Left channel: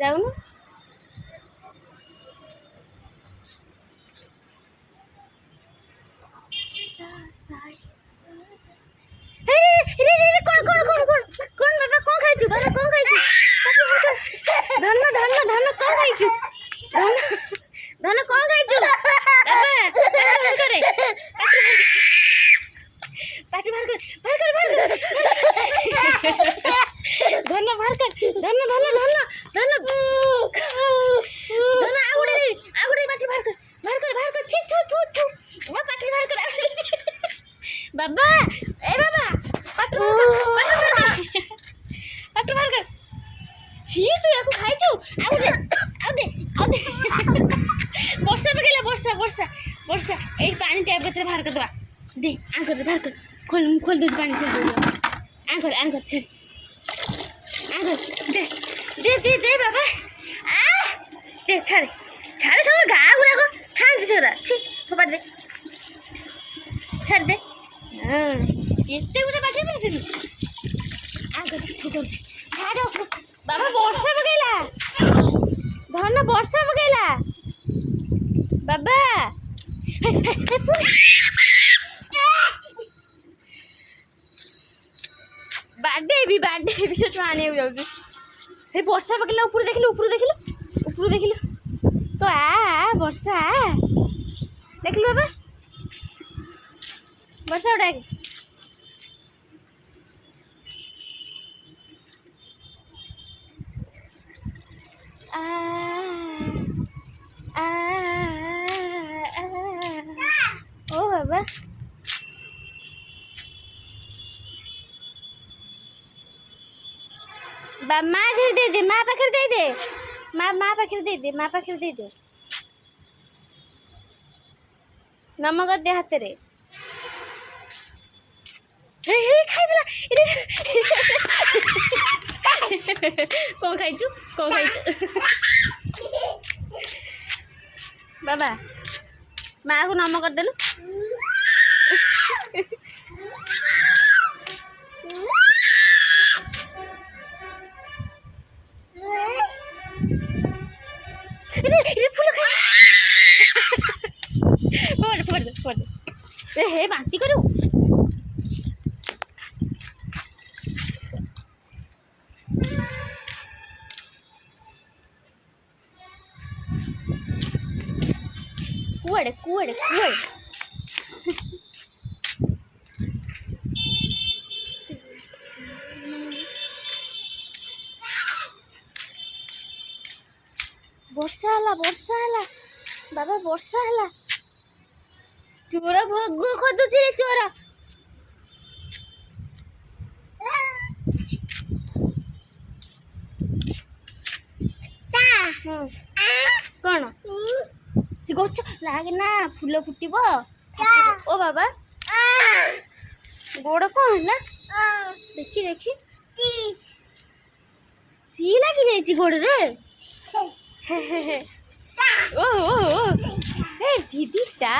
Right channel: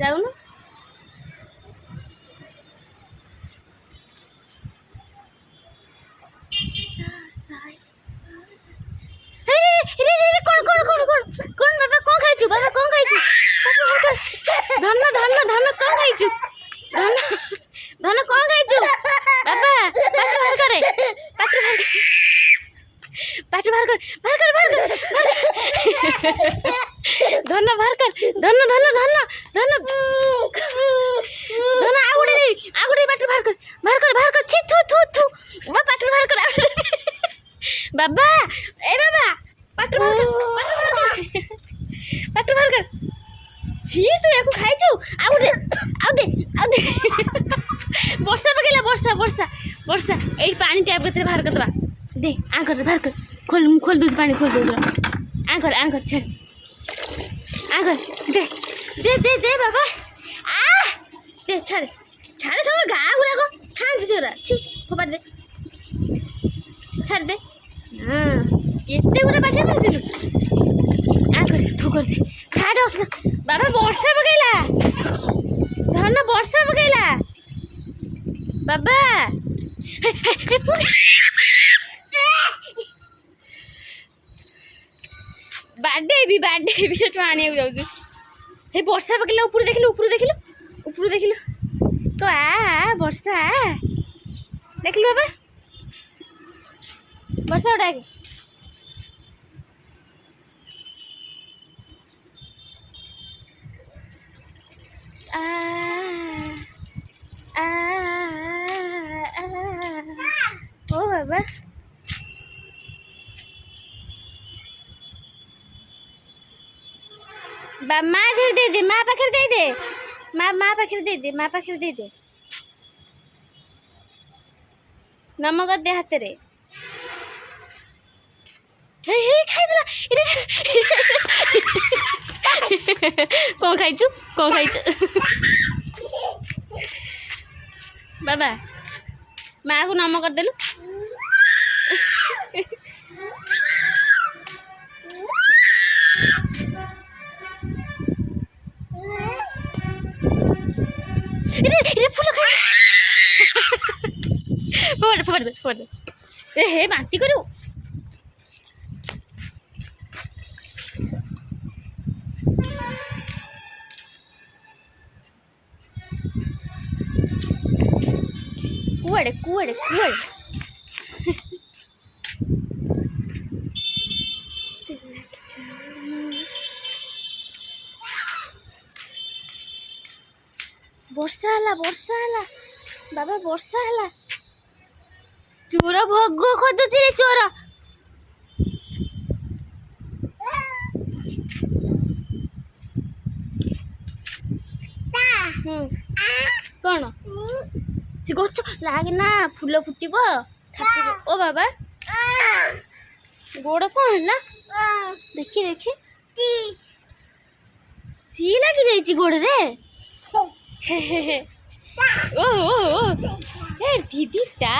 ଯାଉନୁ। କଣ ବାବା କଣ ଖାଇଛୁ? ବାବା କଣ ଖାଇଛୁ? ଧନ ଧନ ଧନ କଣ ଖାଇଛୁ? ଧନ ଧନ କଣ ଖାଇଛୁ? ବାବା ପାଟି ବାହାର କର ଧନ ବାହାର କର ଧନ ଧନ ଧନ ଧନ ଧନ ଆଉ ଗୋଟେ ପାଟି ବାହାର କର ଛି ଥୁ ଥୁ ଥୁ ପାଟି ବାହାର କର ବାବା ଏ ବାବା ପାଟି ବାହାର କର ছি ତୁ ୟାକୁ ଖାଇଛୁ ଆଉ ଦେ ବର୍ଷା ପକେଇଲା ବର୍ଷା ଏଇ ପାଣି ଟ୍ୟାପ ଭିତରେ ବାହାର କରିଦେବା ଦେ ଆଙ୍କର ବାହାର କର ଖୋଲ ଦଉଛି ପାଣି ଖୋଲ ଦଉଛି ଆଙ୍କର ଛାଡ଼ ଆଙ୍କର ଦେ ବାବା ଦେ ଛାଡ଼େ ସବୁ ଗାଁ ଗୁଡ଼ାକ ଖାଆନ୍ତି ସେଗୁଡ଼ା ଛି ଫୋପାଡ଼ି ଦେ ଛାଡ଼ି ଦେ ଏତେ ଗୁଡ଼ା ପାଟିଆ କରିଥିଲୁ ଥୁ କରିଦେ ଛାଡ଼ ବାବା ବର୍ଷା ପକେଇଲା ଧନ ବର୍ଷା ପକେଇଲା ବାବା ବାଡ଼େଇବି ସେଠୁ ଆଣିବାକୁ ଯାଉଛି ସେଇ ବର୍ଷା ପକେଇଲା ଉପରୁ ଦେଖିଲୁ ତ ବର୍ଷା ଦେଖିଲୁ ବାବା ବର୍ଷା ଉଡ଼ାକେ ओ बाबा ମା ଘରେ ଦେଇଦେ ମା ପାଖରେ ଦେଇଦେ ମା ପାଖରେ ଦେଇଦେ ନମକ ଦେ ହାତରେ ଖାଇଦେଲା କଣ ଖାଇଛୁ ବାବା ମାକୁ ନମ କରିଦେଲୁ ଫୁଲ ଫୋପାଡ଼ି ଦେ ହେ ବାନ୍ତି କରିବୁ କୁଆଡ଼େ ବର୍ଷା ହେଲା ବାବା ବର୍ଷା ହେଲା ଚୋର ଭୋଗ ଖୋଜୁଛି ରେ ଚୋର କଣ ସେ ଗଛ ଲାଗେ ନା ଫୁଲ ଫୁଟିବ ଓ ବାବା ଗୋଡ଼ କଣ ହେଲା ଦେଖି ସି ଲାଗି ଯାଇଛି ଗୋଡ଼ରେ ଓ ଦିଦିଟା